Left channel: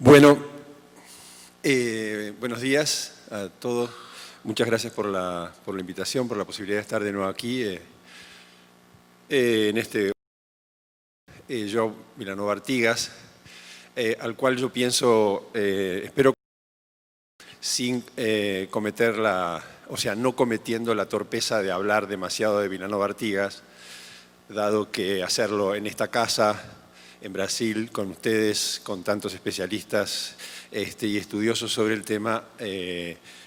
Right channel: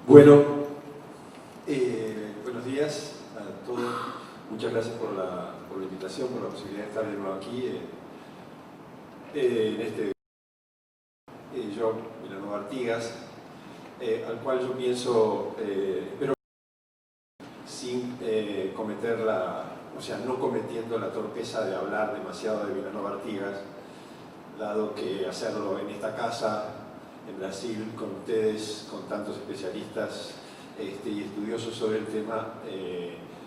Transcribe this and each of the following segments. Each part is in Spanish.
Bueno, buenos días a todos. Muchas gracias por la invitación, por la posibilidad de estar de nuevo aquí en este Joe Vilanova Artigas, al cual yo pienso, espero sin cometer no cometiendo la torpeza de hablar demasiado de Vilanova Artigas, dado que hacerlo en esta casa, en Brasil, con ustedes, con tantos especialistas y estudiosos sobre el tema,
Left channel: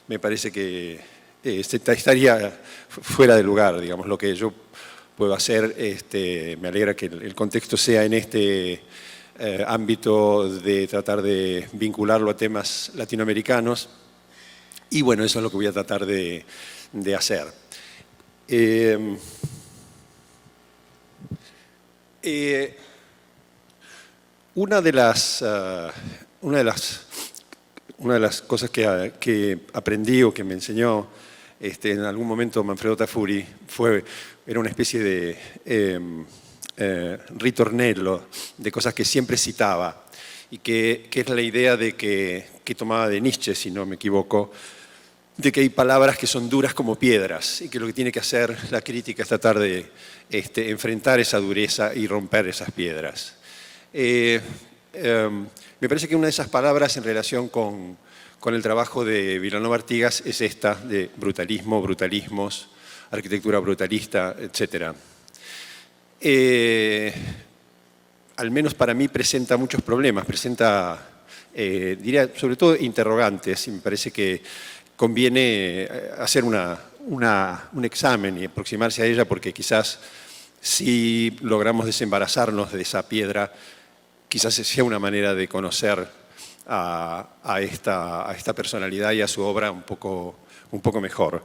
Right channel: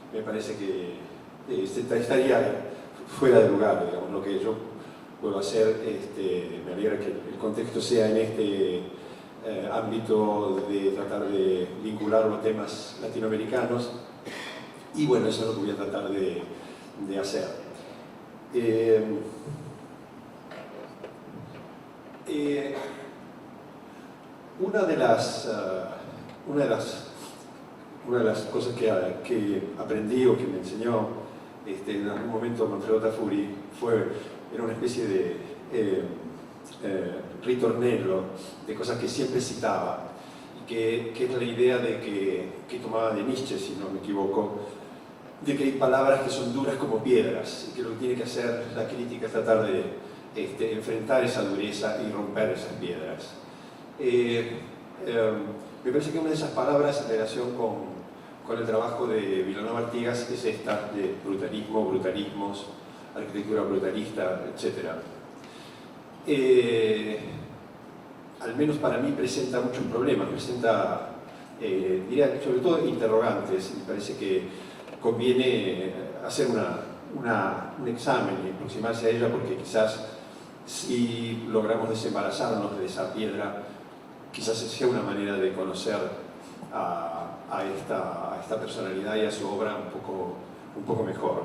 me parece que estaría fuera de lugar, digamos, lo que yo puedo hacer. Me alegra que el contexto sea en este ámbito de tratar de vincularlo a temas latinoamericanos, y bueno, eso es lo que voy a tratar de hacer. Una de las cosas que aprendí o que me enseñó en algún momento Manfredo Tafuri era una especie de ritornello de cosas que siempre citaba, y que es la idea de que tomaba de Nietzsche, si no me equivoco, de que hay palabras que son duras como piedras y que lo que tiene que hacer la crítica es tratar de enfrentar esa dureza y romper esas piedras. Me parece que una de esas palabras en relación con el trabajo de Vilanova Artigas es esta de brutalismo, brutalismos, arquitectura brutalista, etc. Al menos para mí presenta muchos problemas, diría sobre todo interrogantes, y me parece que conviene hacer un examen y aproximarse a ella, porque quizás si logramos desembarazarnos de esa piedra, quizás sea una manera de conocer a esta personalidad y a su obra un poco mejor.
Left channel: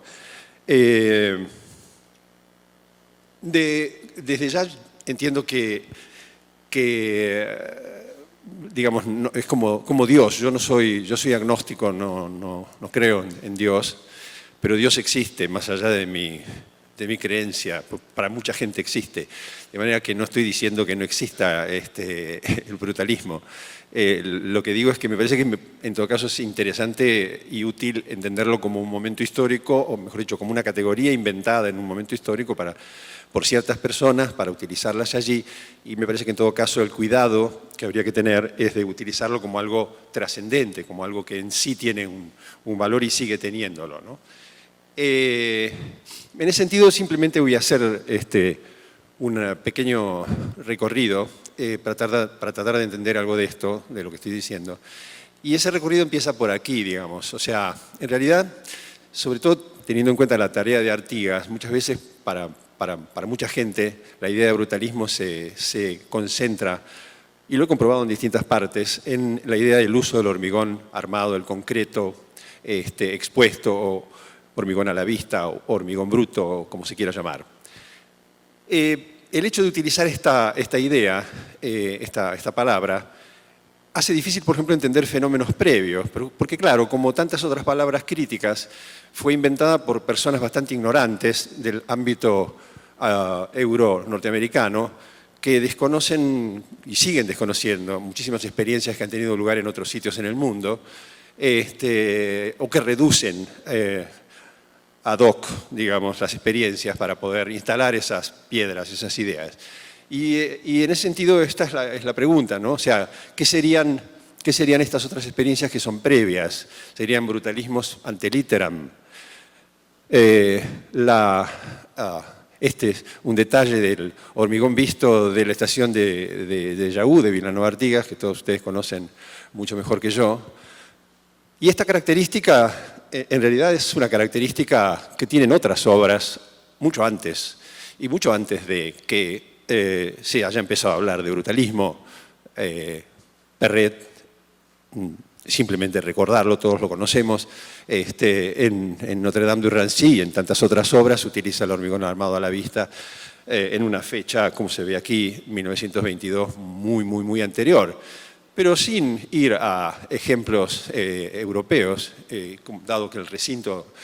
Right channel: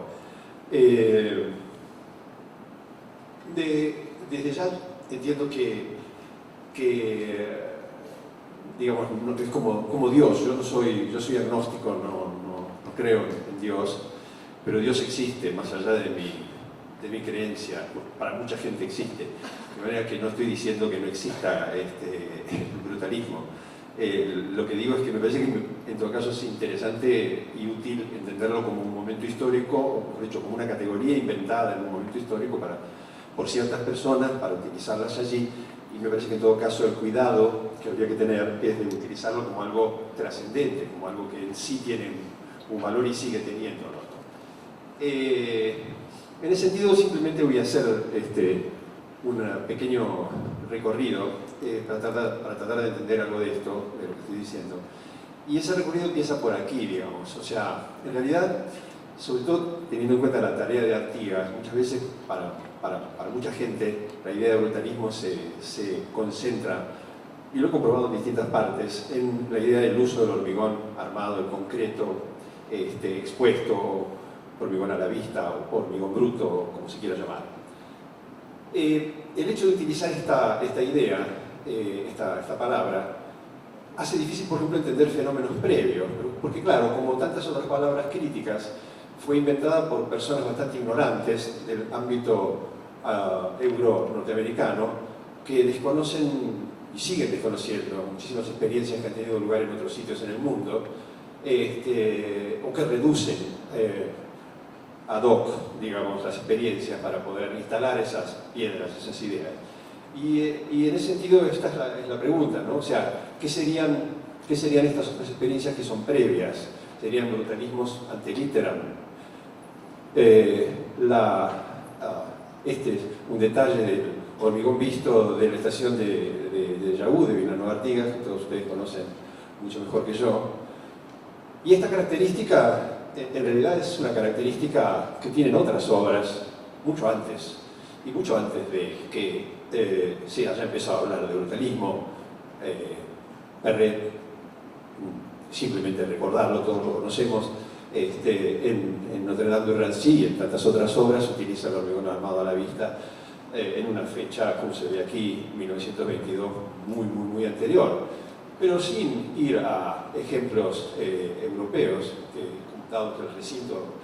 Desde ya entiendo que digamos, es como Dios. Yo soy agnóstico, no creo en Dios, pero Dios existe más allá de mi creencia. Para mucha gente existe, de manera que no estoy diciendo que no exista el brutalismo. Lo que digo es que me parece que en todo caso es interesante y útil entenderlo como un momento histórico, o mejor dicho, como una categoría inventada en un momento histórico por ciertas personas, para utilizarlas allí, y me parece que en todo caso el cuidado que habría que tener es de utilizarlo como algo trascendente, como algo que en sí tiene un valor y sigue teniéndolo, ¿no? En ese sentido, simplemente voy a hacer un pequeño recorrido para tratar de entender algo de esto, de lo que estoy diciendo. Y ese recorrido empieza por aquí, digamos. O sea, en realidad, sobre todo teniendo en cuenta la tarea de Artigas, muchas veces para mucha gente la idea de brutalismo se concentra, y lo he comprobado en distintas partes, en la idea del uso del hormigón armado, el concreto expuesto, o hormigón a la vista, o hormigón bruto, o como se quiera llamar. El hecho de utilizar esta idea, esta palabra, hace difícil, por ejemplo, entender fenómenos previos, porque claro, como tantas otras palabras críticas, fue inventada por personas bastante ignorantes del ámbito euro-norteamericano, que desconocen y siguen desconociendo muchísimas experiencias que han tenido lugar en otros sitios en el mundo, o que reducen ad hoc, digamos, las experiencias para poder instalar esas piedras, esas ideas. Y en ese sentido esta es la pregunta, ¿no? O sea, ¿qué serían estas otras experiencias que son previas? ¿Serían brutalismos ante litteram? Este es un detalle del hormigón visto de la estación de Jaú, de Vilanova Artigas, que todos ustedes conocen mucho mejor que yo. Y esta característica en realidad es una característica que tienen otras obras mucho antes, y mucho antes de que se haya empezado a hablar de brutalismo. Perret, simplemente recordarlo, todos lo conocemos, en Notre Dame du Rancy y en tantas otras obras utiliza el hormigón armado a la vista en una fecha, como se ve aquí, 1922, muy anterior, pero sin ir a ejemplos europeos, dado que el recinto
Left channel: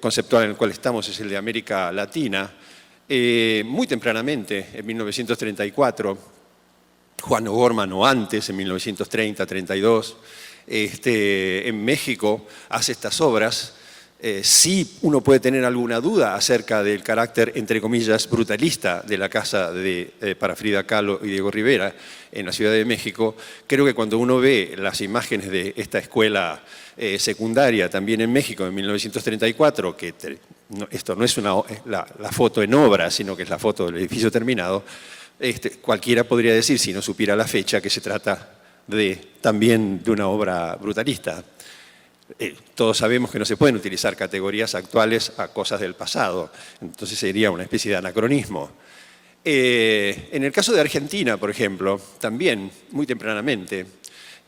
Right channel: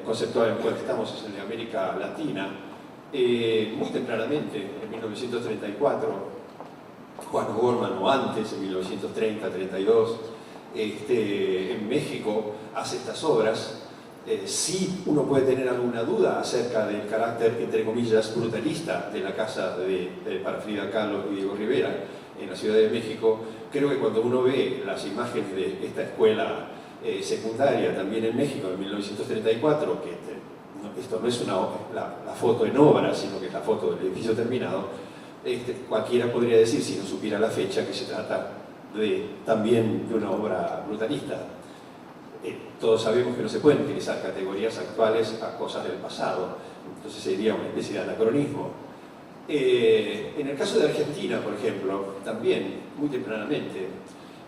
conceptual en el cual estamos es el de América Latina. Muy tempranamente, en 1934, Juan O'Gorman o antes, en 1930-32. En México hace estas obras. Sí uno puede tener alguna duda acerca del carácter, entre comillas, brutalista de la casa para Frida Kahlo y Diego Rivera en la Ciudad de México. Creo que cuando uno ve las imágenes de esta escuela secundaria también en México en 1934, que esto no es la foto en obra, sino que es la foto del edificio terminado, cualquiera podría decir, si no supiera la fecha, que se trata también de una obra brutalista. Todos sabemos que no se pueden utilizar categorías actuales a cosas del pasado, entonces sería una especie de anacronismo. En el caso de Argentina, por ejemplo, también muy tempranamente,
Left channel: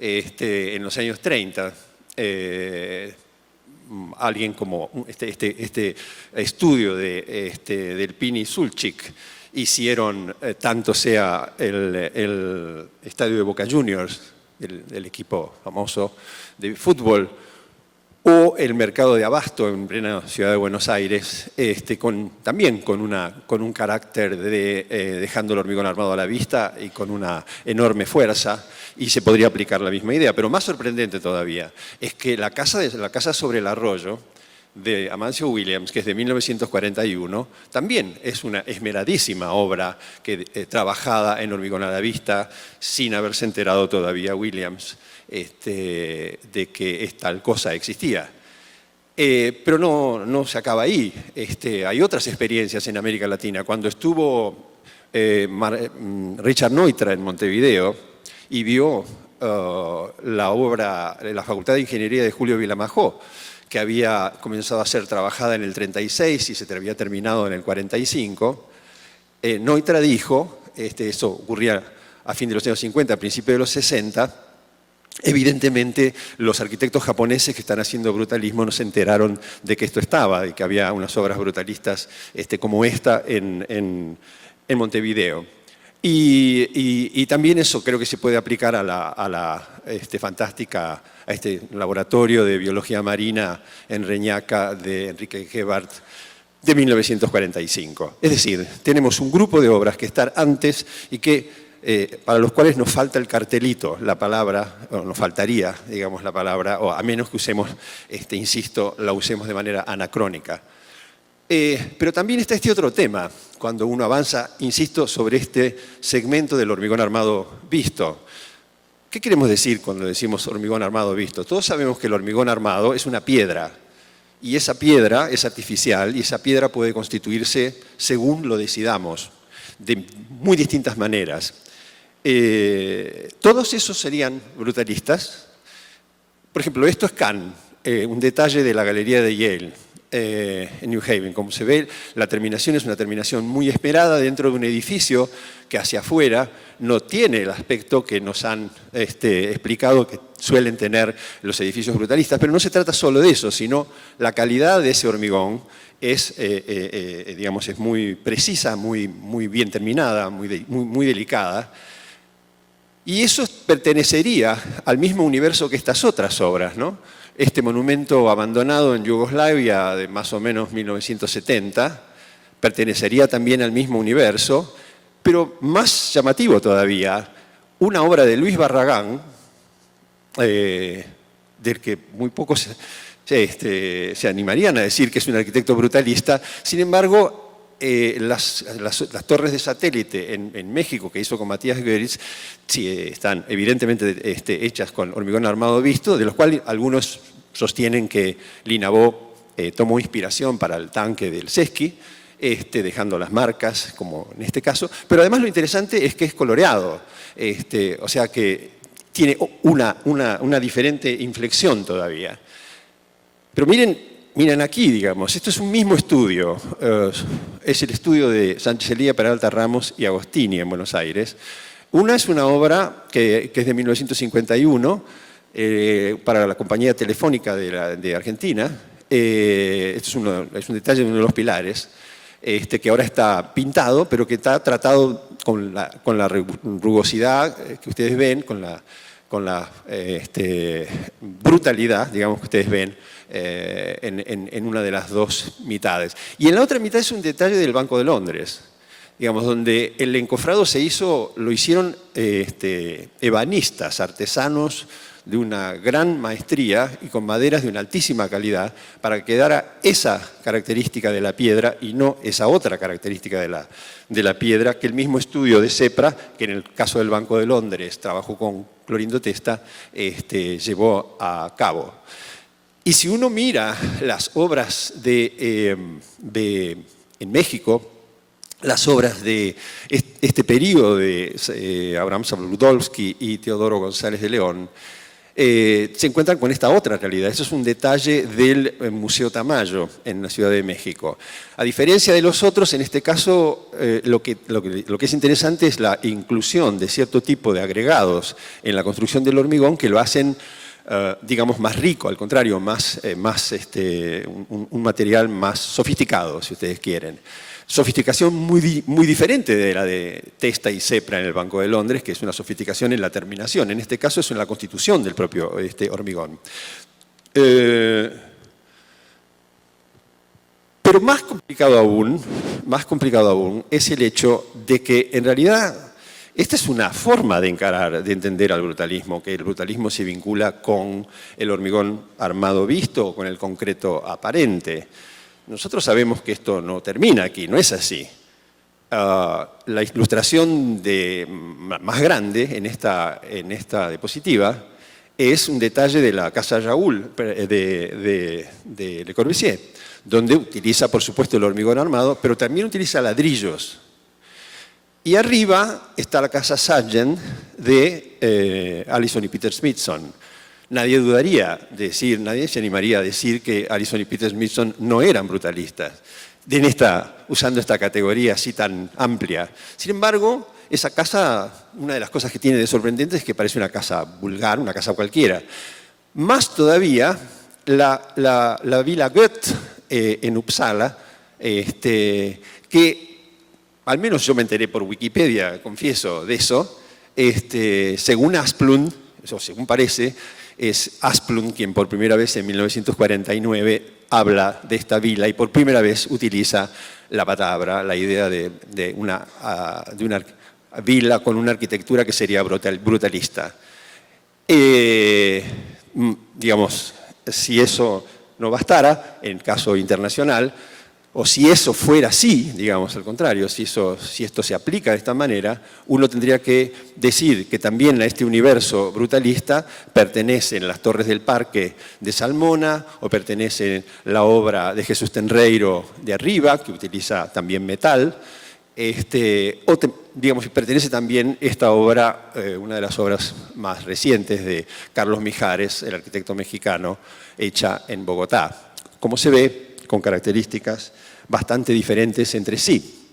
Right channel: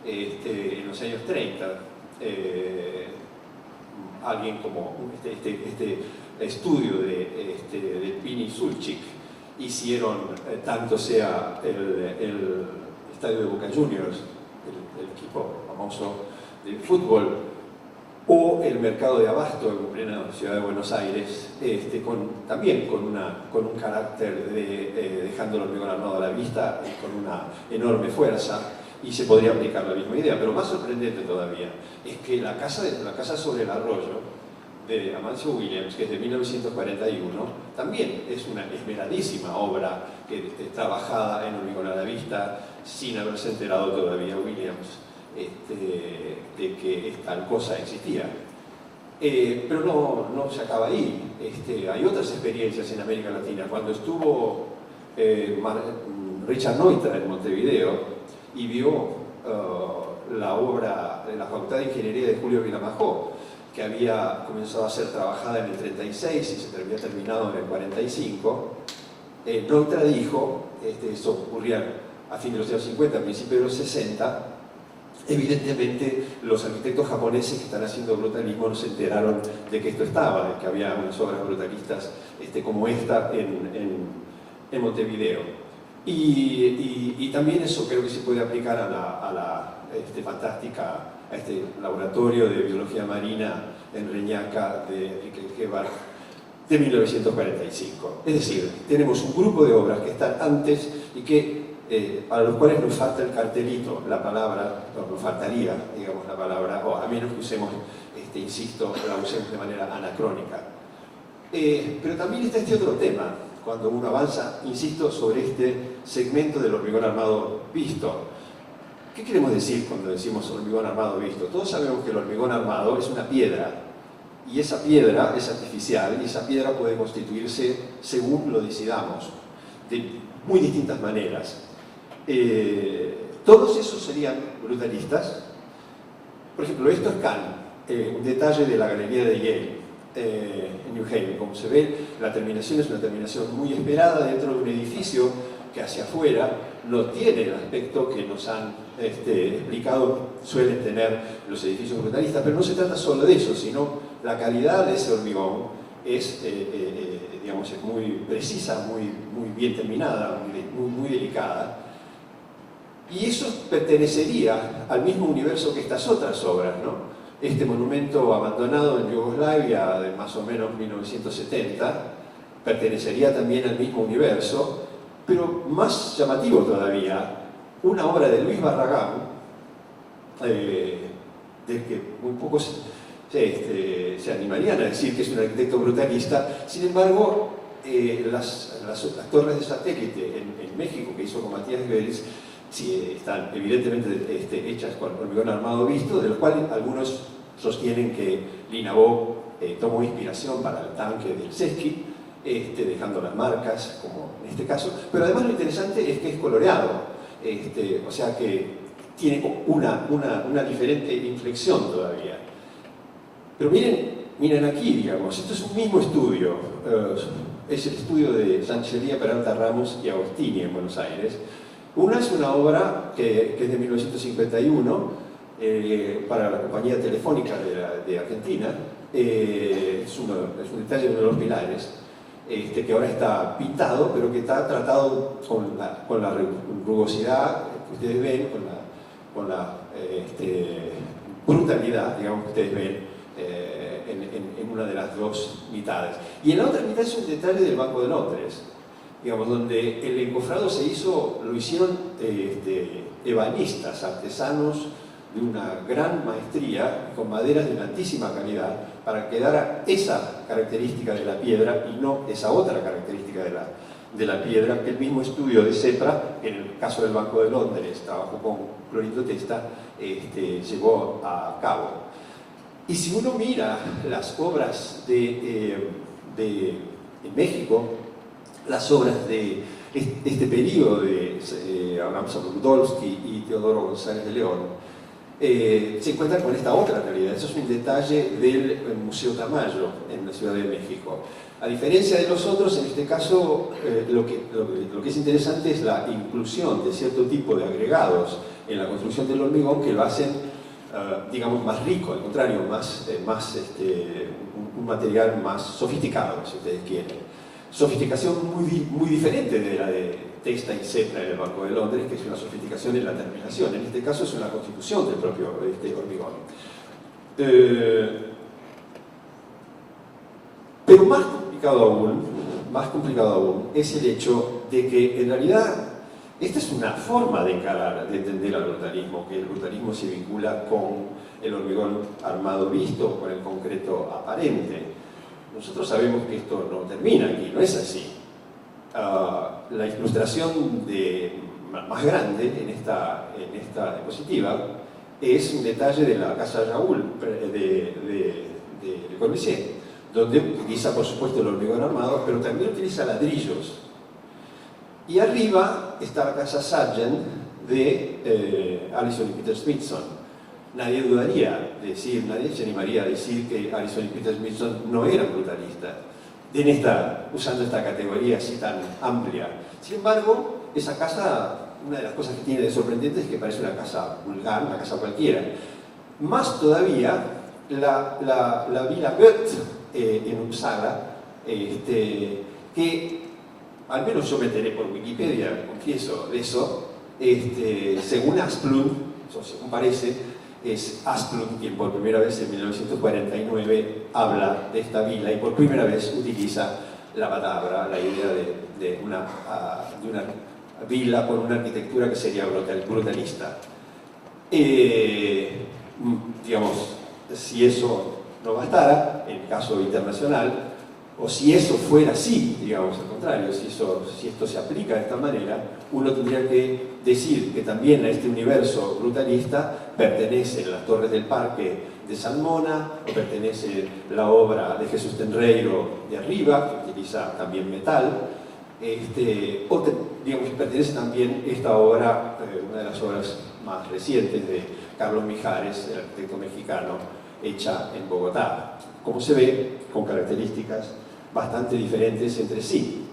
en los años 30, alguien como este estudio del Pini Sulchik hicieron, tanto sea el estadio de Boca Juniors, el equipo famoso de fútbol, o el mercado de abasto en plena ciudad de Buenos Aires, también con un carácter dejando el hormigón armado a la vista y con una enorme fuerza, y se podría aplicar la misma idea. Pero más sorprendente todavía es que la casa sobre el arroyo de Amancio Williams, que es de 1941, también es una esmeradísima obra trabajada en hormigón a la vista, sin haberse enterado todavía Williams de que tal cosa existía. Pero no se acaba ahí. Hay otras experiencias en América Latina. Cuando estuvo Richard Neutra en Montevideo y vio la obra, la Facultad de Ingeniería de Julio Vilamajó, que había comenzado a ser trabajada en el 36 y se había terminado en el 45, Neutra dijo, eso ocurría a fin de los años 50, a principios de los 60, evidentemente los arquitectos japoneses que están haciendo brutalismo no se enteraron de que esto estaba, de que había unas obras brutalistas como esta en Montevideo. Y también eso creo que se puede aplicar a la fantástica, a este laboratorio de biología marina en Reñaca de Enrique Gebhardt de 1945. Es decir, tenemos un grupo de obras que están antes y que para los cuales nos falta el cartelito, la palabra, o nos faltaría, digamos, la palabra, o a menos que usemos, insisto, la usemos de manera anacrónica. Pero también está este otro tema, cuando uno avanza, insisto, sobre este segmento del hormigón armado visto. ¿Qué queremos decir cuando decimos hormigón armado visto? Todos sabemos que el hormigón armado es una piedra, y esa piedra es artificial, y esa piedra puede constituirse según lo decidamos, de muy distintas maneras. Todos esos serían brutalistas. Por ejemplo, esto es Kahn, un detalle de la galería de Yale, en New Haven. Como se ve, la terminación es una terminación muy esperada dentro de un edificio que hacia afuera no tiene el aspecto que nos han explicado que suelen tener los edificios brutalistas, pero no se trata solo de eso, sino la calidad de ese hormigón es, digamos, es muy precisa, muy bien terminada, muy delicada. Y eso pertenecería al mismo universo que estas otras obras, ¿no? Este monumento abandonado en Yugoslavia de más o menos 1970 pertenecería también al mismo universo, pero más llamativo todavía, una obra de Luis Barragán, del que muy pocos se animarían a decir que es un arquitecto brutalista. Sin embargo, las torres de satélite en México que hizo con Matías Goeritz, sí, están evidentemente hechas con hormigón armado visto, de los cuales algunos sostienen que Linabó tomó inspiración para el tanque del Sesky, dejando las marcas, como en este caso, pero además lo interesante es que es coloreado, o sea que tiene una diferente inflexión todavía. Pero miren aquí, digamos, esto es un mismo estudio, es el estudio de Sánchez Elía, Peralta Ramos y Agostini en Buenos Aires. Una es una obra que es de 1951 para la compañía telefónica de Argentina. Es un detalle de uno de los pilares, que ahora está pintado, pero que está tratado con la rugosidad que ustedes ven, con la brutalidad, digamos, que ustedes ven en una de las dos mitades. Y en la otra mitad es un detalle del Banco de Londres. digamos, donde el encofrado lo hicieron ebanistas, artesanos de una gran maestría y con maderas de una altísima calidad para que quedara esa característica de la piedra y no esa otra característica de la piedra que el mismo estudio de Sepra, que en el caso del Banco de Londres trabajó con Clorindo Testa, llevó a cabo. Y si uno mira las obras en México, las obras de este periodo de Abraham Sabludowski y Teodoro González de León, se encuentran con esta otra realidad. Eso es un detalle del Museo Tamayo en la Ciudad de México. A diferencia de los otros, en este caso lo que es interesante es la inclusión de cierto tipo de agregados en la construcción del hormigón que lo hacen, digamos, más rico, al contrario, un material más sofisticado, si ustedes quieren. Sofisticación muy diferente de la de Testa y Sepra en el Banco de Londres, que es una sofisticación en la terminación. En este caso es en la constitución del propio hormigón. Pero más complicado aún es el hecho de que en realidad esta es una forma de entender al brutalismo, que el brutalismo se vincula con el hormigón armado visto o con el concreto aparente. Nosotros sabemos que esto no termina aquí, no es así. La ilustración más grande en esta diapositiva es un detalle de la Casa Raoul de Le Corbusier, donde utiliza, por supuesto, el hormigón armado, pero también utiliza ladrillos. Y arriba está la Casa Sargent de Allison y Peter Smithson. Nadie se animaría a decir que Allison y Peter Smithson no eran brutalistas, usando esta categoría así tan amplia. Sin embargo, esa casa, una de las cosas que tiene de sorprendente es que parece una casa vulgar, una casa cualquiera. Más todavía, la Villa Goethe en Uppsala, que al menos yo me enteré por Wikipedia, confieso, de eso, según Asplund, o según parece, es Asplund quien por primera vez en 1949 habla de esta vila y por primera vez utiliza la palabra, la idea de una vila con una arquitectura que sería brutalista. Digamos, si eso no bastara, en caso internacional, o si eso fuera así, digamos al contrario, si esto se aplica de esta manera, uno tendría que decir que también a este universo brutalista pertenecen las Torres del Parque de Salmona, o pertenece la obra de Jesús Tenreiro de arriba, que utiliza también metal, digamos, pertenece también esta obra, una de las obras más recientes de Carlos Mijares, el arquitecto mexicano, hecha en Bogotá. Como se ve, con características bastante diferentes entre sí.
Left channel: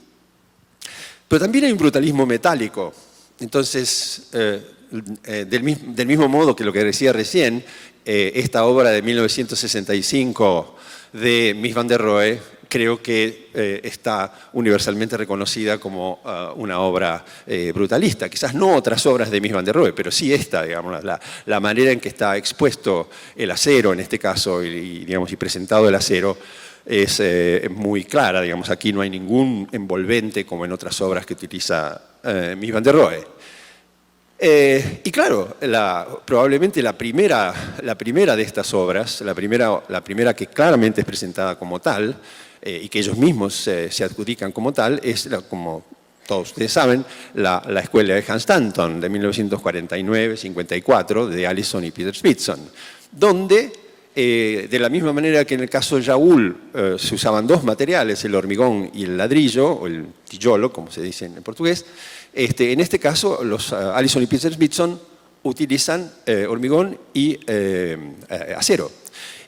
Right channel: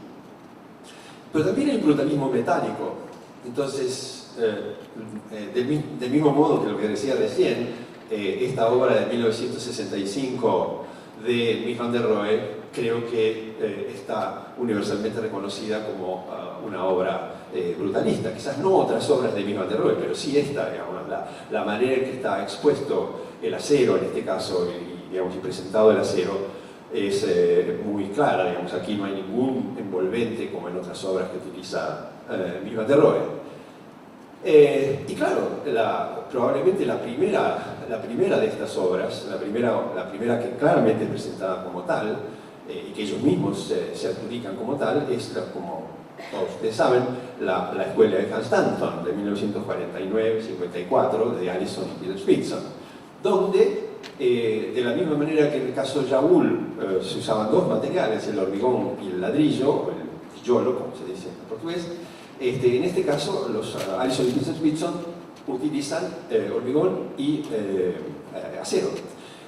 Pero también hay un brutalismo metálico. Entonces, del mismo modo que lo que decía recién, esta obra de 1965 de Mies van der Rohe, creo que está universalmente reconocida como una obra brutalista. Quizás no otras obras de Mies van der Rohe, pero sí esta, digamos, la manera en que está expuesto el acero, en este caso, y presentado el acero, es muy clara. Digamos, aquí no hay ningún envolvente como en otras obras que utiliza Mies van der Rohe. Y claro, probablemente la primera de estas obras, la primera que claramente es presentada como tal, y que ellos mismos se adjudican como tal, es, como todos ustedes saben, la escuela de Hans Stanton de 1949-54 de Allison y Peter Smithson, donde de la misma manera que en el caso de Raoul se usaban dos materiales, el hormigón y el ladrillo, o el tijolo, como se dice en portugués, en este caso los Allison y Peter Smithson utilizan hormigón y acero.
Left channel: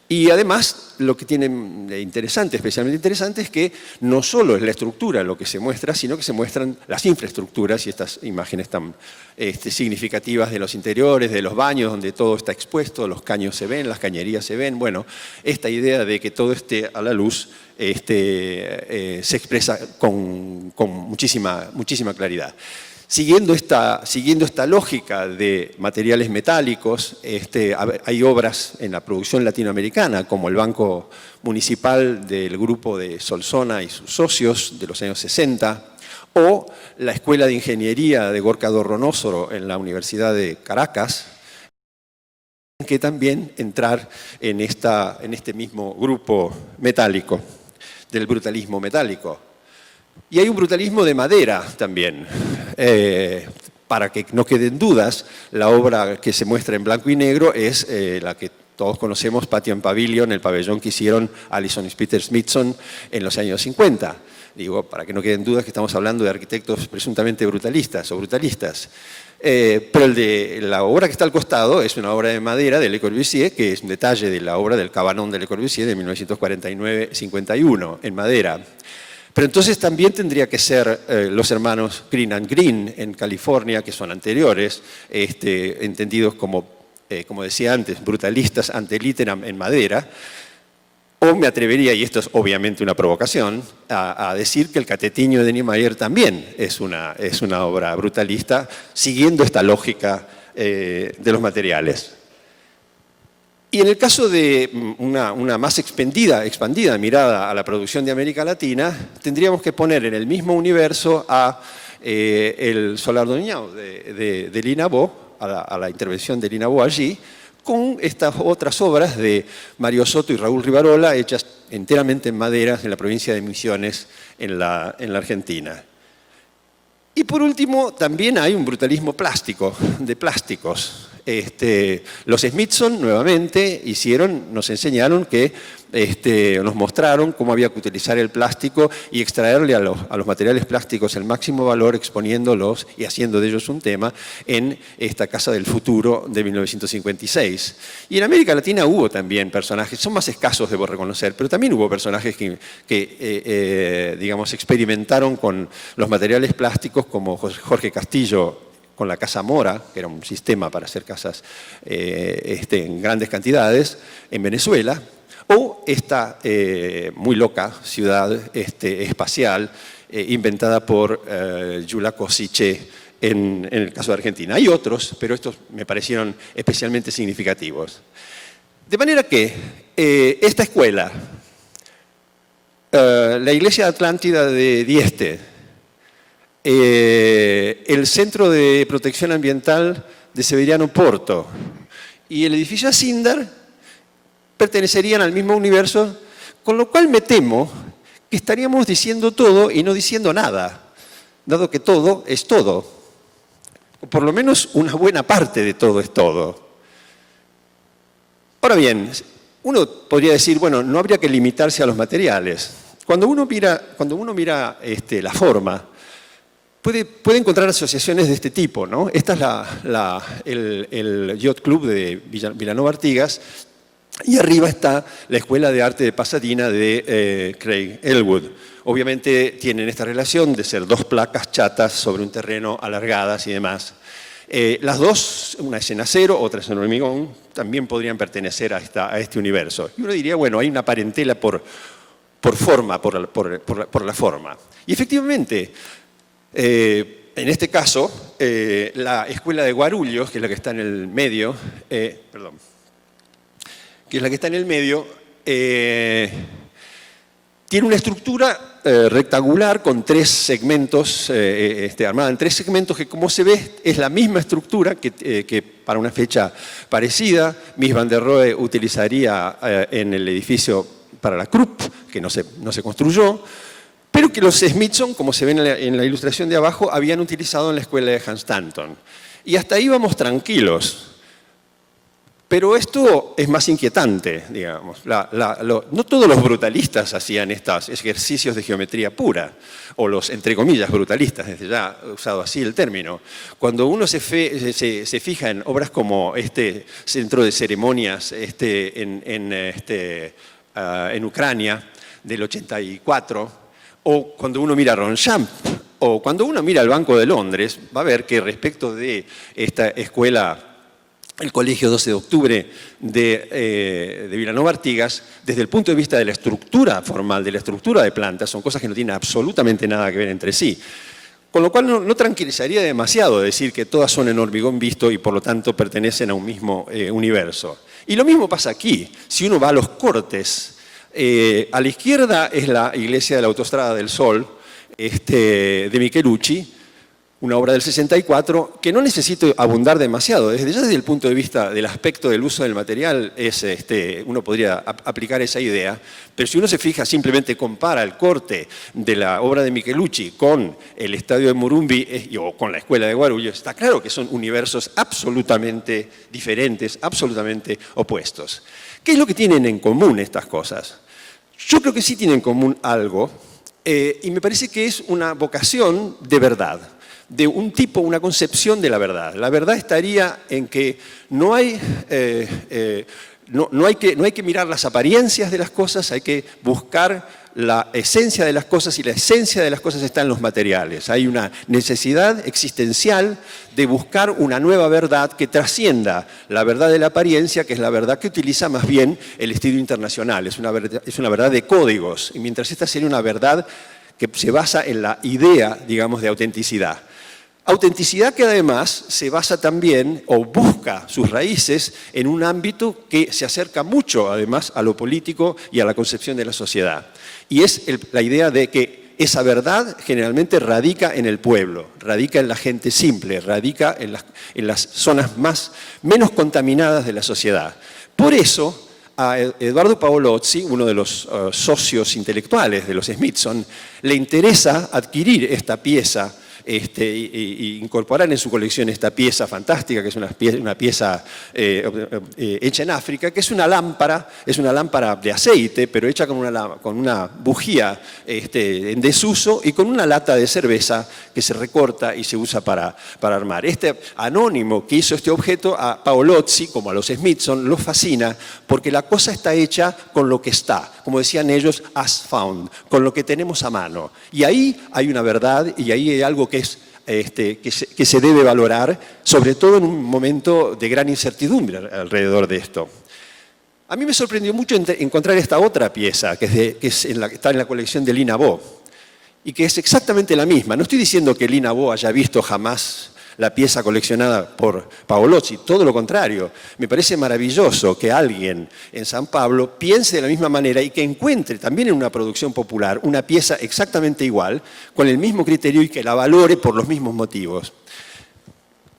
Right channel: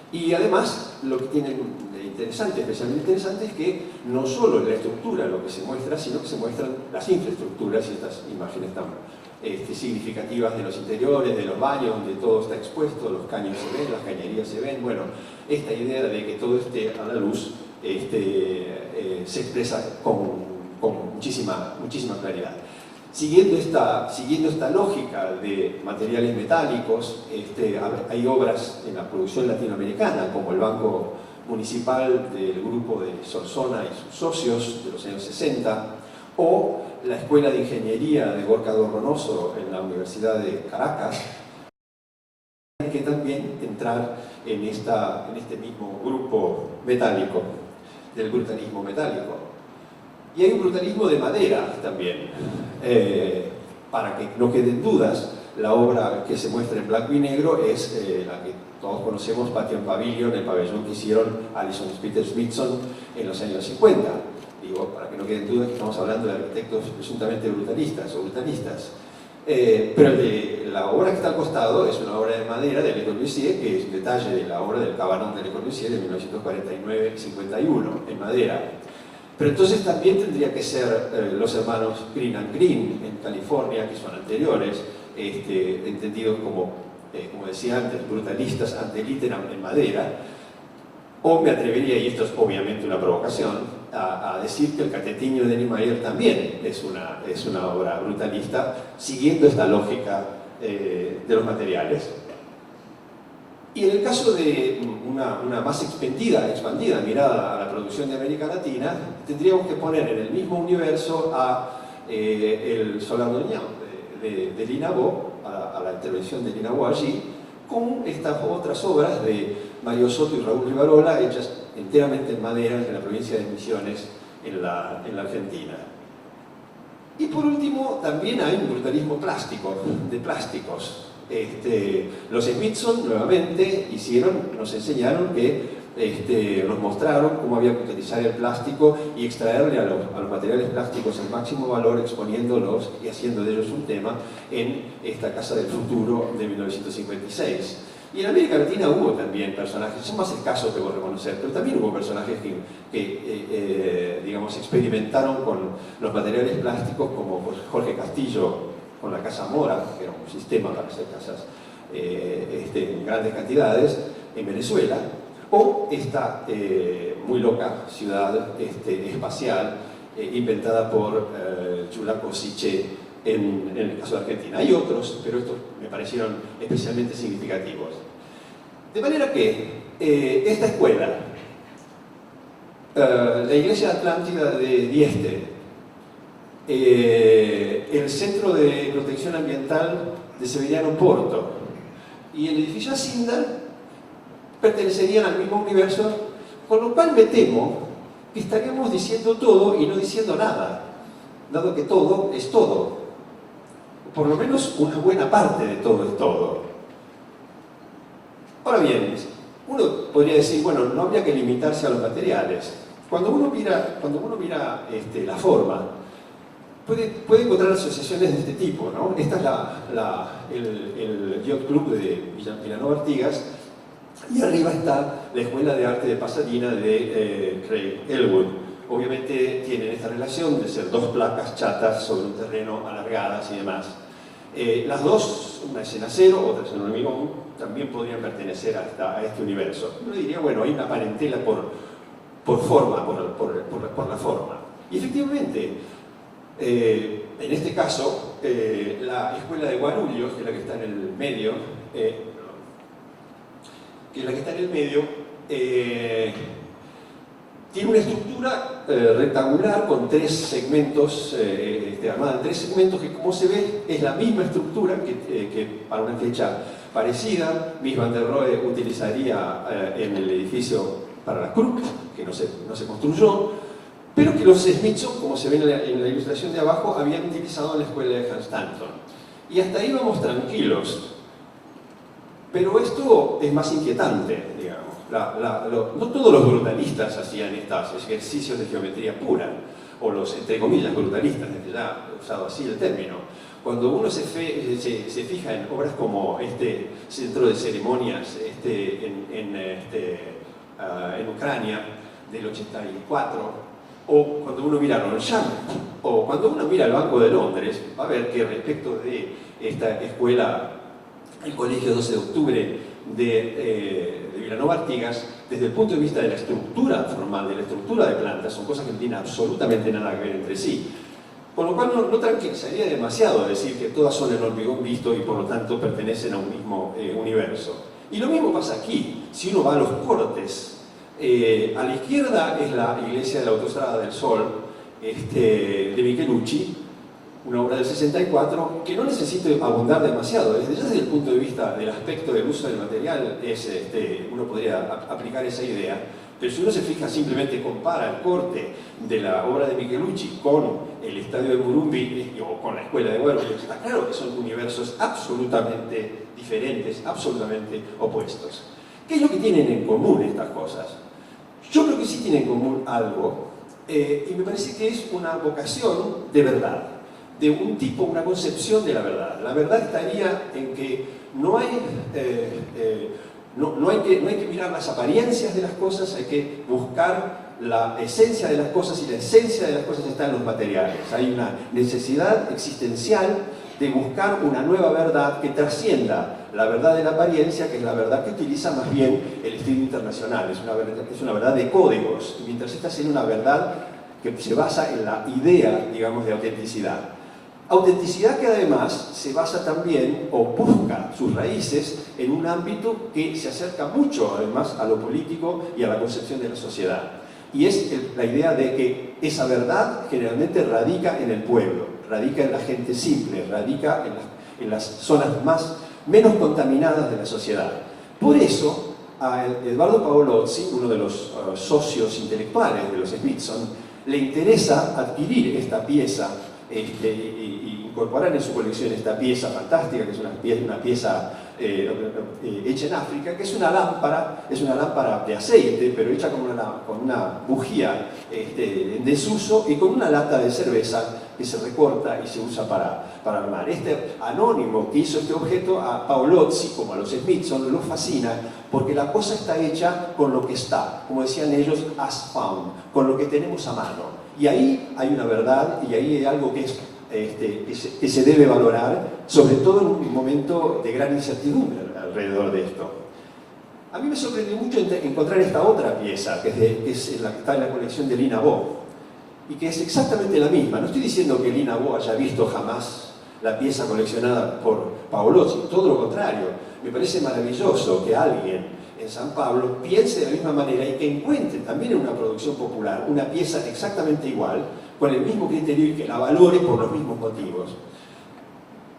Y además, lo que tienen de interesante, especialmente interesante, es que no solo es la estructura lo que se muestra, sino que se muestran las infraestructuras y estas imágenes tan significativas de los interiores, de los baños, donde todo está expuesto, los caños se ven, las cañerías se ven. Bueno, esta idea de que todo esté a la luz se expresa con muchísima claridad. Siguiendo esta lógica de materiales metálicos, hay obras en la producción latinoamericana, como el Banco Municipal del grupo de Solsona y sus socios de los años 60, o la Escuela de Ingeniería de Gorka Dorronosoro en la Universidad de Caracas, que también entrar en este mismo grupo metálico, del brutalismo metálico. Y hay un brutalismo de madera también. Para que no queden dudas, la obra que se muestra en blanco y negro es la que todos conocemos, Patio en Pavilion, el pabellón que hicieron Alison y Peter Smithson en los años 50. Digo, para que no queden dudas que estamos hablando de arquitectos presuntamente brutalistas o brutalistas. Pero la obra que está al costado es una obra de madera de Le Corbusier, que es un detalle de la obra del Cabanon de Le Corbusier de 1949-51, en madera. Pero entonces también tendría que ser los hermanos Green and Green en California, que son anteriores, entendidos como decía antes, brutalistas ante litteram en madera. O me atrevería, y esto es obviamente una provocación, a decir que el Catetinio de Niemeyer también es una obra brutalista, siguiendo esta lógica de los materiales. Y en el caso de una más expandida mirada a la producción de América Latina, tendríamos que poner en el mismo universo a el Solar d'Oignan de Linabó, a la intervención de Linabó allí, con estas otras obras de Mario Soto y Raúl Rivarola, hechas enteramente en madera en la provincia de Misiones, en la Argentina. Y por último, también hay un brutalismo plástico, de plásticos. Los Smithson, nuevamente, nos enseñaron nos mostraron cómo había que utilizar el plástico y extraerle a los materiales plásticos el máximo valor, exponiéndolos y haciendo de ellos un tema en esta Casa del Futuro de 1956. Y en América Latina hubo también personajes, son más escasos debo reconocer, pero también hubo personajes que digamos, experimentaron con los materiales plásticos, como Jorge Castillo con la Casa Mora, que era un sistema para hacer casas en grandes cantidades en Venezuela, o esta muy loca ciudad espacial inventada por Jules Kossiché en el caso de Argentina. Hay otros, pero estos me parecieron especialmente significativos. De manera que esta escuela, la Iglesia Atlántida de Dieste, el Centro de Protección Ambiental de Severiano Porto y el edificio Asindar pertenecerían al mismo universo, con lo cual me temo que estaríamos diciendo todo y no diciendo nada, dado que todo es todo. Por lo menos una buena parte de todo es todo. Ahora bien, uno podría decir, bueno, no habría que limitarse a los materiales. Cuando uno mira la forma, puede encontrar asociaciones de este tipo, ¿no? Esta es el Yacht Club de Vilanova Artigas, y arriba está la Escuela de Arte de Pasadena de Craig Elwood. Obviamente tienen esta relación de ser dos placas chatas sobre un terreno alargadas y demás. Las dos, una es en acero, otra es en hormigón, también podrían pertenecer a este universo. Y uno diría, bueno, hay una parentela por forma, por la forma. Y efectivamente, en este caso, la escuela de Guarulhos, que es la que está en el medio, tiene una estructura rectangular con tres segmentos, armada en tres segmentos, que como se ve es la misma estructura que para una fecha parecida Mies van der Rohe utilizaría en el edificio para la Krupp, que no se construyó, pero que los Smithson, como se ve en la ilustración de abajo, habían utilizado en la escuela de Hans Stanton. Y hasta ahí vamos tranquilos. Pero esto es más inquietante, digamos. No todos los brutalistas hacían estos ejercicios de geometría pura, o los, entre comillas, brutalistas, desde ya usado así el término. Cuando uno se fija en obras como este centro de ceremonias en Ucrania del 84, o cuando uno mira Ronchamp, o cuando uno mira el Banco de Londres, va a ver que respecto de esta escuela, el Colegio 12 de Octubre de Vilanova Artigas, desde el punto de vista de la estructura formal, de la estructura de plantas, son cosas que no tienen absolutamente nada que ver entre sí. Con lo cual no tranquilizaría demasiado decir que todas son en hormigón visto y por lo tanto pertenecen a un mismo universo. Y lo mismo pasa aquí. Si uno va a los cortes, a la izquierda es la iglesia de la Autostrada del Sol, de Michelucci, una obra del 64, que no necesito abundar demasiado. Desde el punto de vista del aspecto del uso del material, uno podría aplicar esa idea, pero si uno se fija, simplemente compara el corte de la obra de Michelucci con el estadio de Morumbi o con la escuela de Guarulhos, está claro que son universos absolutamente diferentes, absolutamente opuestos. ¿Qué es lo que tienen en común estas cosas? Yo creo que sí tienen en común algo, y me parece que es una vocación de verdad, de un tipo, una concepción de la verdad. La verdad estaría en que no hay que mirar las apariencias de las cosas, hay que buscar la esencia de las cosas, y la esencia de las cosas está en los materiales. Hay una necesidad existencial de buscar una nueva verdad que trascienda la verdad de la apariencia, que es la verdad que utiliza más bien el estilo internacional. Es una verdad de códigos, y mientras esta sería una verdad que se basa en la idea, digamos, de autenticidad. Autenticidad que además se basa también, o busca sus raíces, en un ámbito que se acerca mucho además a lo político y a la concepción de la sociedad. Y es la idea de que esa verdad generalmente radica en el pueblo, radica en la gente simple, radica en las zonas menos contaminadas de la sociedad. Por eso, a Eduardo Paolozzi, uno de los socios intelectuales de los Smithson, le interesa adquirir esta pieza y incorporar en su colección esta pieza fantástica, que es una pieza hecha en África, que es una lámpara de aceite, pero hecha con una bujía en desuso y con una lata de cerveza que se recorta y se usa para armar. Este anónimo que hizo este objeto, a Paolozzi, como a los Smithson, lo fascina porque la cosa está hecha con lo que está, como decían ellos, as found, con lo que tenemos a mano. Y ahí hay una verdad, y ahí hay algo que se debe valorar, sobre todo en un momento de gran incertidumbre alrededor de esto. A mí me sorprendió mucho encontrar esta otra pieza, que está en la colección de Lina Bo, y que es exactamente la misma. No estoy diciendo que Lina Bo haya visto jamás la pieza coleccionada por Paolozzi, todo lo contrario. Me parece maravilloso que alguien en San Pablo piense de la misma manera y que encuentre también en una producción popular una pieza exactamente igual, con el mismo criterio, y que la valore por los mismos motivos.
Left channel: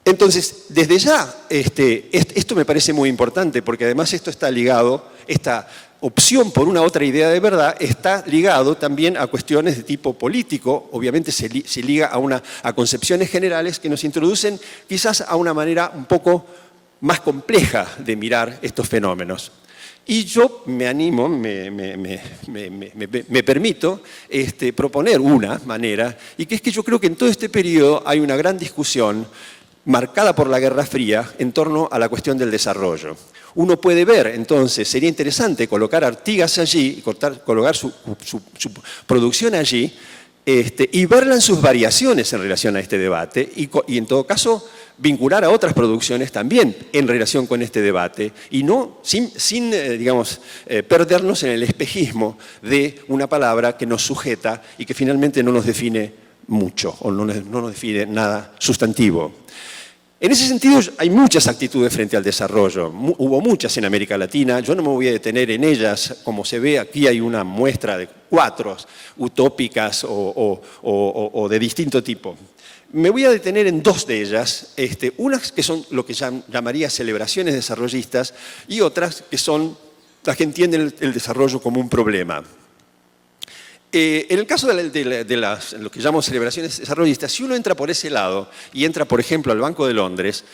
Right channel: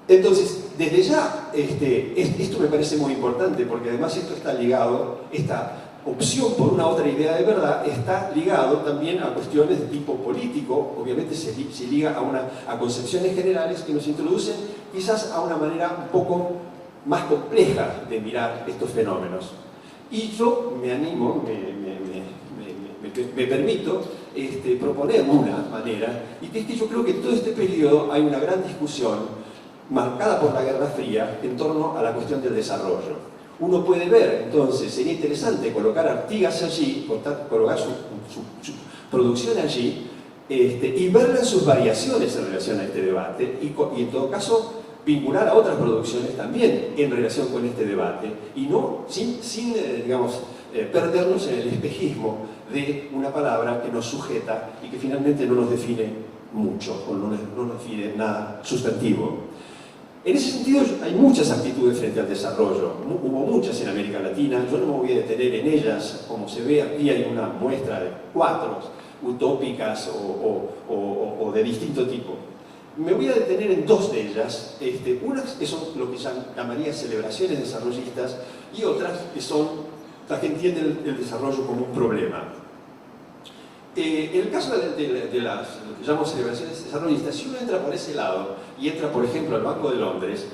Entonces, desde ya, esto me parece muy importante, porque además esto está ligado, esta opción por una otra idea de verdad está ligado también a cuestiones de tipo político. Obviamente se liga a concepciones generales que nos introducen quizás a una manera un poco más compleja de mirar estos fenómenos. Y yo me animo, me permito proponer una manera, y que es que yo creo que en todo este periodo hay una gran discusión marcada por la Guerra Fría en torno a la cuestión del desarrollo. Uno puede ver, entonces, sería interesante colocar Artigas allí, colocar su producción allí, y verla en sus variaciones en relación a este debate, y en todo caso vincular a otras producciones también en relación con este debate, y no sin perdernos en el espejismo de una palabra que nos sujeta y que finalmente no nos define mucho, o no nos define nada sustantivo. En ese sentido hay muchas actitudes frente al desarrollo, hubo muchas en América Latina, yo no me voy a detener en ellas. Como se ve aquí hay una muestra de 4 utópicas o de distinto tipo. Me voy a detener en 2 de ellas, unas que son lo que llamaría celebraciones desarrollistas, y otras que son las que entienden el desarrollo como un problema. En el caso de lo que llamamos celebraciones desarrollistas, si uno entra por ese lado y entra, por ejemplo, al Banco de Londres,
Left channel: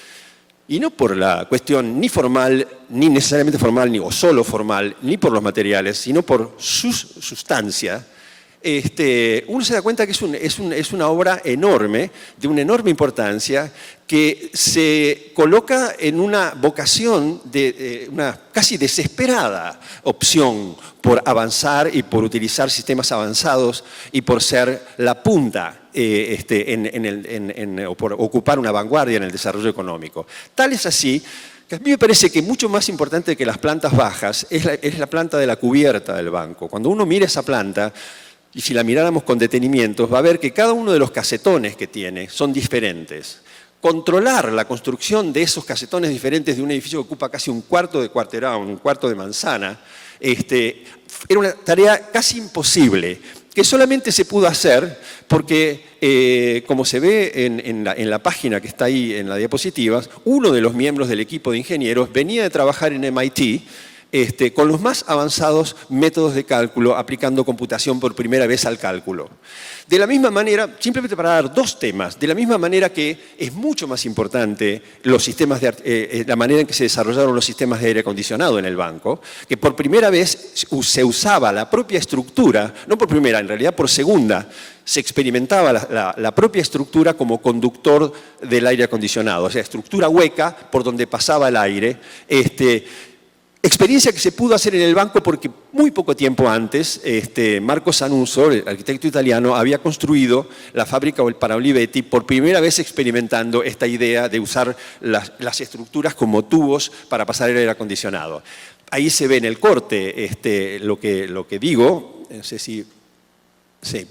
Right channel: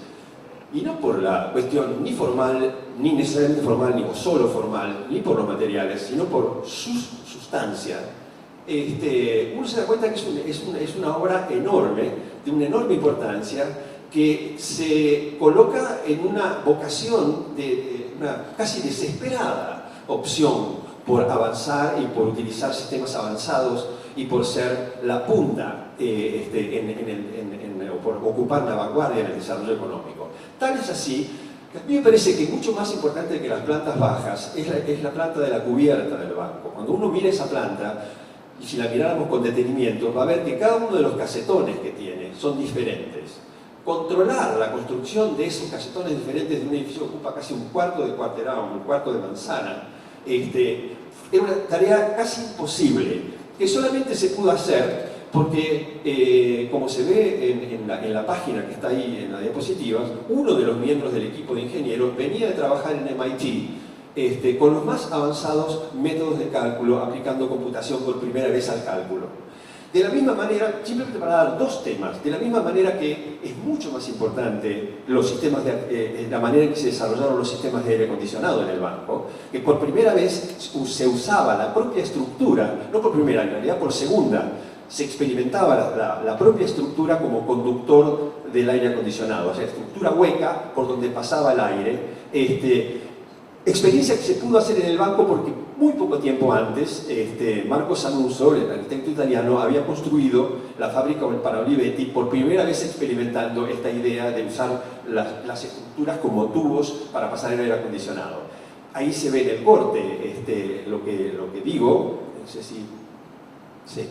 y no por la cuestión ni formal, ni necesariamente formal, o solo formal, ni por los materiales, sino por su sustancia, uno se da cuenta que es una obra enorme, de una enorme importancia, que se coloca en una vocación, de una casi desesperada opción por avanzar y por utilizar sistemas avanzados y por ser la punta o por ocupar una vanguardia en el desarrollo económico. Tal es así que a mí me parece que mucho más importante que las plantas bajas es la planta de la cubierta del banco. Cuando uno mira esa planta, y si la miráramos con detenimiento, va a ver que cada uno de los casetones que tiene son diferentes. Controlar la construcción de esos casetones diferentes de un edificio que ocupa casi un cuarto de cuarterón, un cuarto de manzana, era una tarea casi imposible. que solamente se pudo hacer porque, como se ve en la página que está ahí en las diapositivas, uno de los miembros del equipo de ingenieros venía de trabajar en MIT con los más avanzados métodos de cálculo, aplicando computación por primera vez al cálculo. De la misma manera, simplemente para dar dos temas, de la misma manera que es mucho más importante los sistemas la manera en que se desarrollaron los sistemas de aire acondicionado en el banco, que por primera vez se usaba la propia estructura, no por primera, en realidad por segunda, se experimentaba la propia estructura como conductor del aire acondicionado, o sea, estructura hueca por donde pasaba el aire, experiencia que se pudo hacer en el banco porque muy poco tiempo antes Marco Sanuso, el arquitecto italiano, había construido la fábrica para Olivetti, por primera vez experimentando esta idea de usar las estructuras como tubos para pasar el aire acondicionado. Ahí se ve en el corte lo que digo, no sé si... Sí.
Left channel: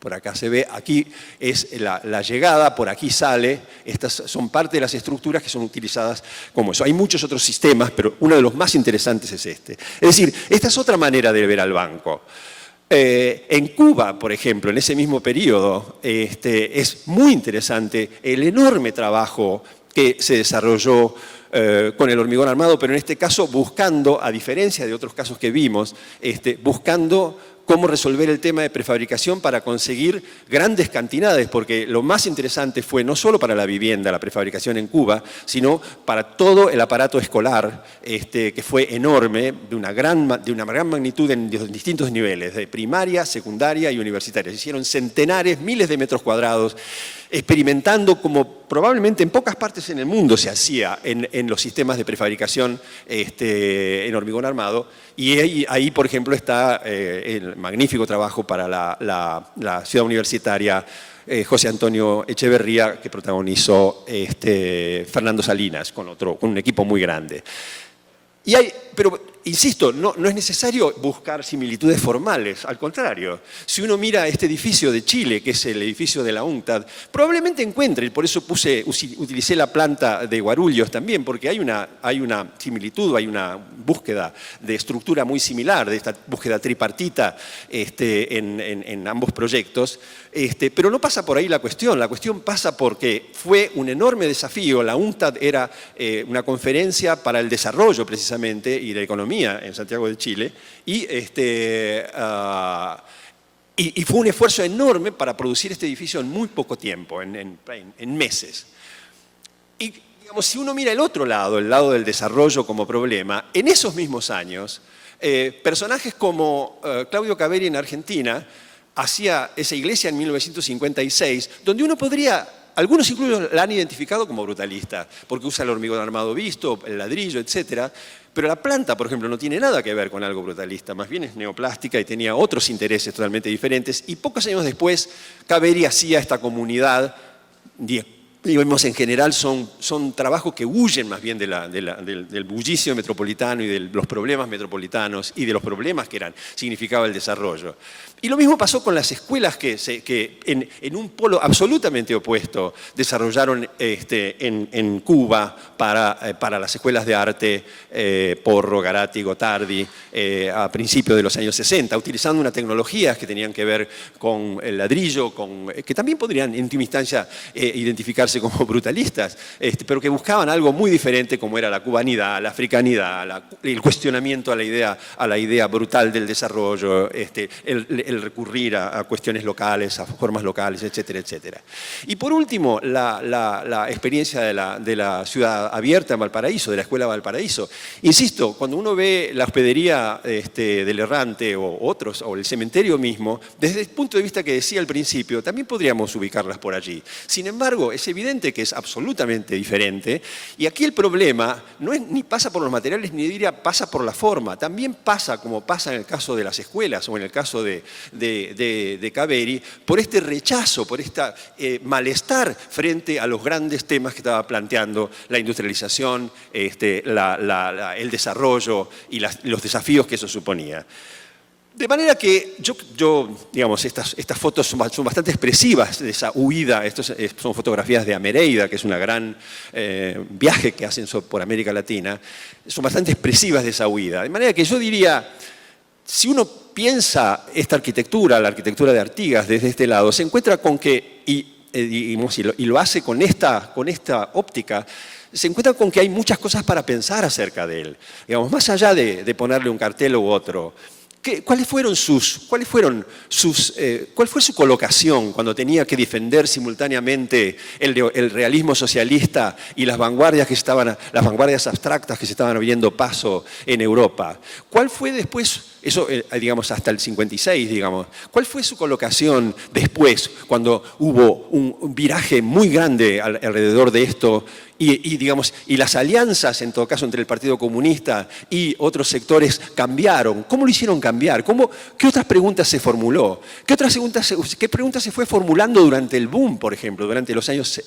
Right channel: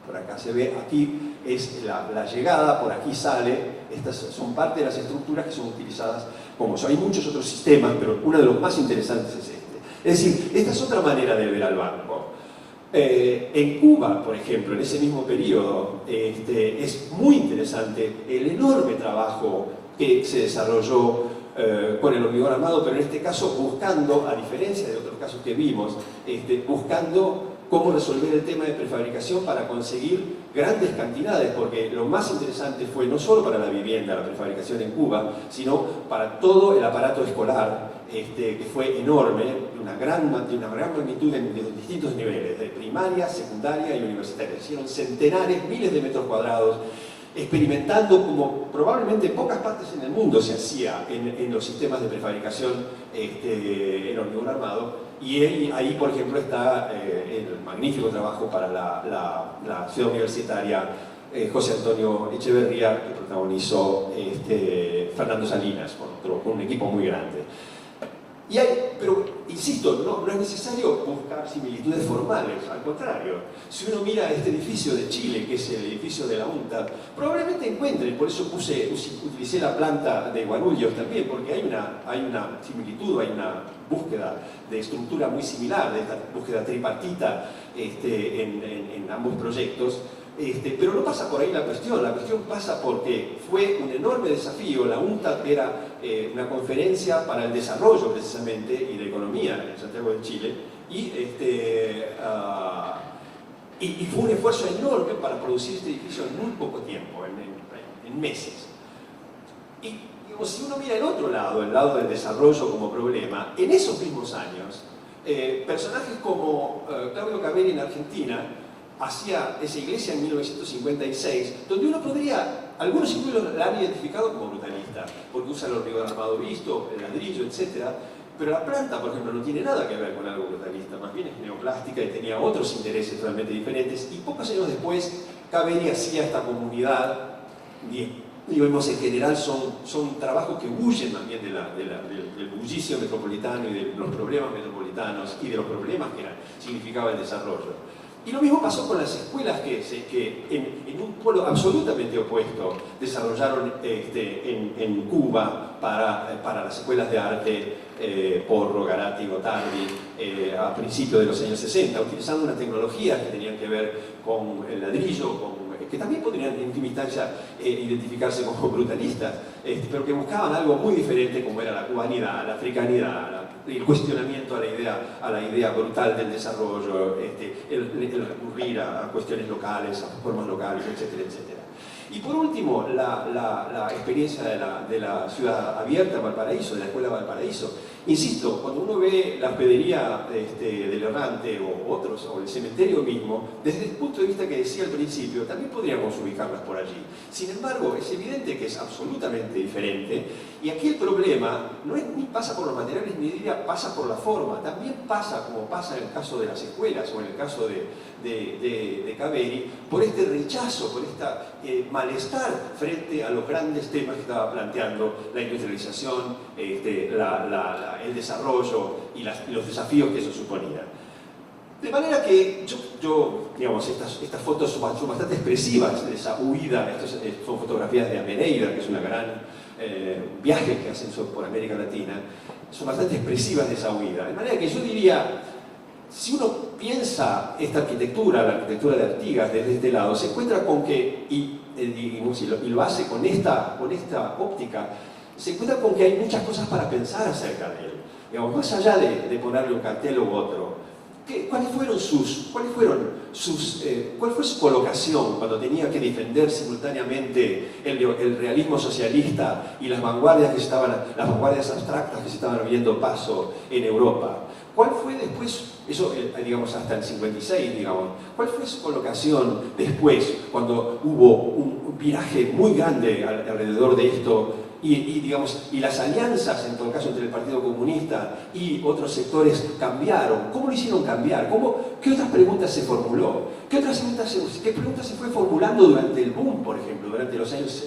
Por acá se ve, aquí es la llegada, por aquí sale, estas son parte de las estructuras que son utilizadas como eso. Hay muchos otros sistemas, pero uno de los más interesantes es este. Es decir, esta es otra manera de ver al banco. En Cuba, por ejemplo, en ese mismo periodo, es muy interesante el enorme trabajo que se desarrolló con el hormigón armado, pero en este caso buscando, a diferencia de otros casos que vimos, buscando cómo resolver el tema de prefabricación para conseguir grandes cantidades, porque lo más interesante fue no solo para la vivienda, la prefabricación en Cuba, sino para todo el aparato escolar, que fue enorme, de una gran magnitud en distintos niveles, de primaria, secundaria y universitaria. Se hicieron centenares, miles de metros cuadrados, experimentando como probablemente en pocas partes en el mundo se hacía en los sistemas de prefabricación en hormigón armado. Y ahí, por ejemplo, está el magnífico trabajo para la ciudad universitaria José Antonio Echeverría, que protagonizó Fernando Salinas, con un equipo muy grande. Pero, insisto, no es necesario buscar similitudes formales, al contrario. Si uno mira este edificio de Chile, que es el edificio de la UNCTAD, probablemente encuentre, por eso utilicé la planta de Guarulhos también, porque hay una similitud, hay una búsqueda de estructura muy similar, de esta búsqueda tripartita en ambos proyectos. Pero no pasa por ahí la cuestión pasa porque fue un enorme desafío. La UNCTAD era una conferencia para el desarrollo precisamente y de economía en Santiago de Chile y fue un esfuerzo enorme para producir este edificio en muy poco tiempo, en meses. Y digamos, si uno mira el otro lado, el lado del desarrollo como problema, en esos mismos años, personajes como Claudio Caveri en Argentina hacía esa iglesia en 1956, donde uno podría, algunos incluso la han identificado como brutalista, porque usa el hormigón armado visto, el ladrillo, etc. Pero la planta, por ejemplo, no tiene nada que ver con algo brutalista, más bien es neoplástica y tenía otros intereses totalmente diferentes. Y pocos años después, Caveri hacía esta comunidad, digamos, en general son trabajos que huyen más bien del bullicio metropolitano y de los problemas metropolitanos y de los problemas que significaba el desarrollo. Y lo mismo pasó con las escuelas que en un polo absolutamente opuesto desarrollaron en Cuba para las escuelas de arte Porro, Garatti, Gotardi a principios de los años 60, utilizando unas tecnologías que tenían que ver con el ladrillo, que también podrían en última instancia identificarse como brutalistas, pero que buscaban algo muy diferente como era la cubanidad, la africanidad, el cuestionamiento a la idea brutal del desarrollo, el recurrir a cuestiones locales, a formas locales, etcétera, etcétera. Y por último, la experiencia de la ciudad abierta en Valparaíso, de la Escuela Valparaíso. Insisto, cuando uno ve la hospedería del Errante o el cementerio mismo, desde el punto de vista que decía al principio, también podríamos ubicarlas por allí. Sin embargo, es evidente que es absolutamente diferente, y aquí el problema no es ni pasa por los materiales, ni diría pasa por la forma, también pasa, como pasa en el caso de las escuelas o en el caso de Caveri, por este rechazo, por este malestar frente a los grandes temas que estaba planteando la industrialización, el desarrollo y los desafíos que eso suponía. De manera que digamos, estas fotos son bastante expresivas de esa huida. Son fotografías de Amereida, que es una gran viaje que hacen por América Latina. Son bastante expresivas de esa huida. De manera que yo diría, si uno piensa esta arquitectura, la arquitectura de Artigas desde este lado, se encuentra con que, y lo hace con esta óptica, se encuentra con que hay muchas cosas para pensar acerca de él. Digamos, más allá de ponerle un cartel u otro, ¿cuál fue su colocación cuando tenía que defender simultáneamente el realismo socialista y las vanguardias abstractas que se estaban abriendo paso en Europa? ¿Cuál fue después, eso digamos hasta el 56, digamos, cuál fue su colocación después cuando hubo un viraje muy grande alrededor de esto? Y las alianzas, en todo caso, entre el Partido Comunista y otros sectores cambiaron. ¿Cómo lo hicieron cambiar? ¿Qué otras preguntas se formuló? ¿Qué preguntas se fue formulando durante el boom, por ejemplo, durante los años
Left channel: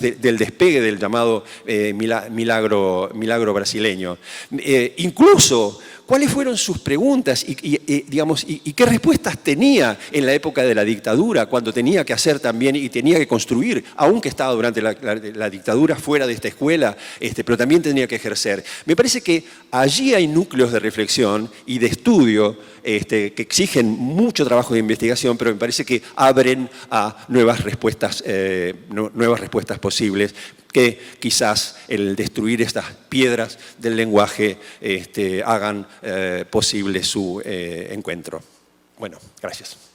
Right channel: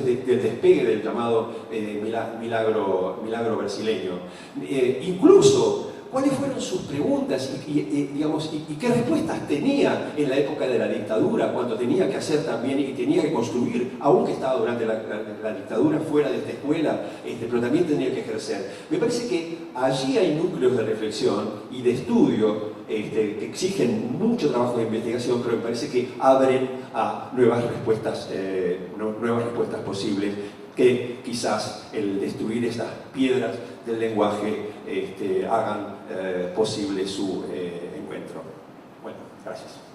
del despegue del llamado milagro brasileño? Incluso, ¿cuáles fueron sus preguntas y qué respuestas tenía en la época de la dictadura, cuando tenía que hacer también y tenía que construir, aunque estaba durante la dictadura fuera de esta escuela, pero también tenía que ejercer? Me parece que allí hay núcleos de reflexión y de estudio que exigen mucho trabajo de investigación, pero me parece que abren a nuevas respuestas posibles, que quizás el destruir estas piedras del lenguaje hagan posible su encuentro. Bueno, gracias.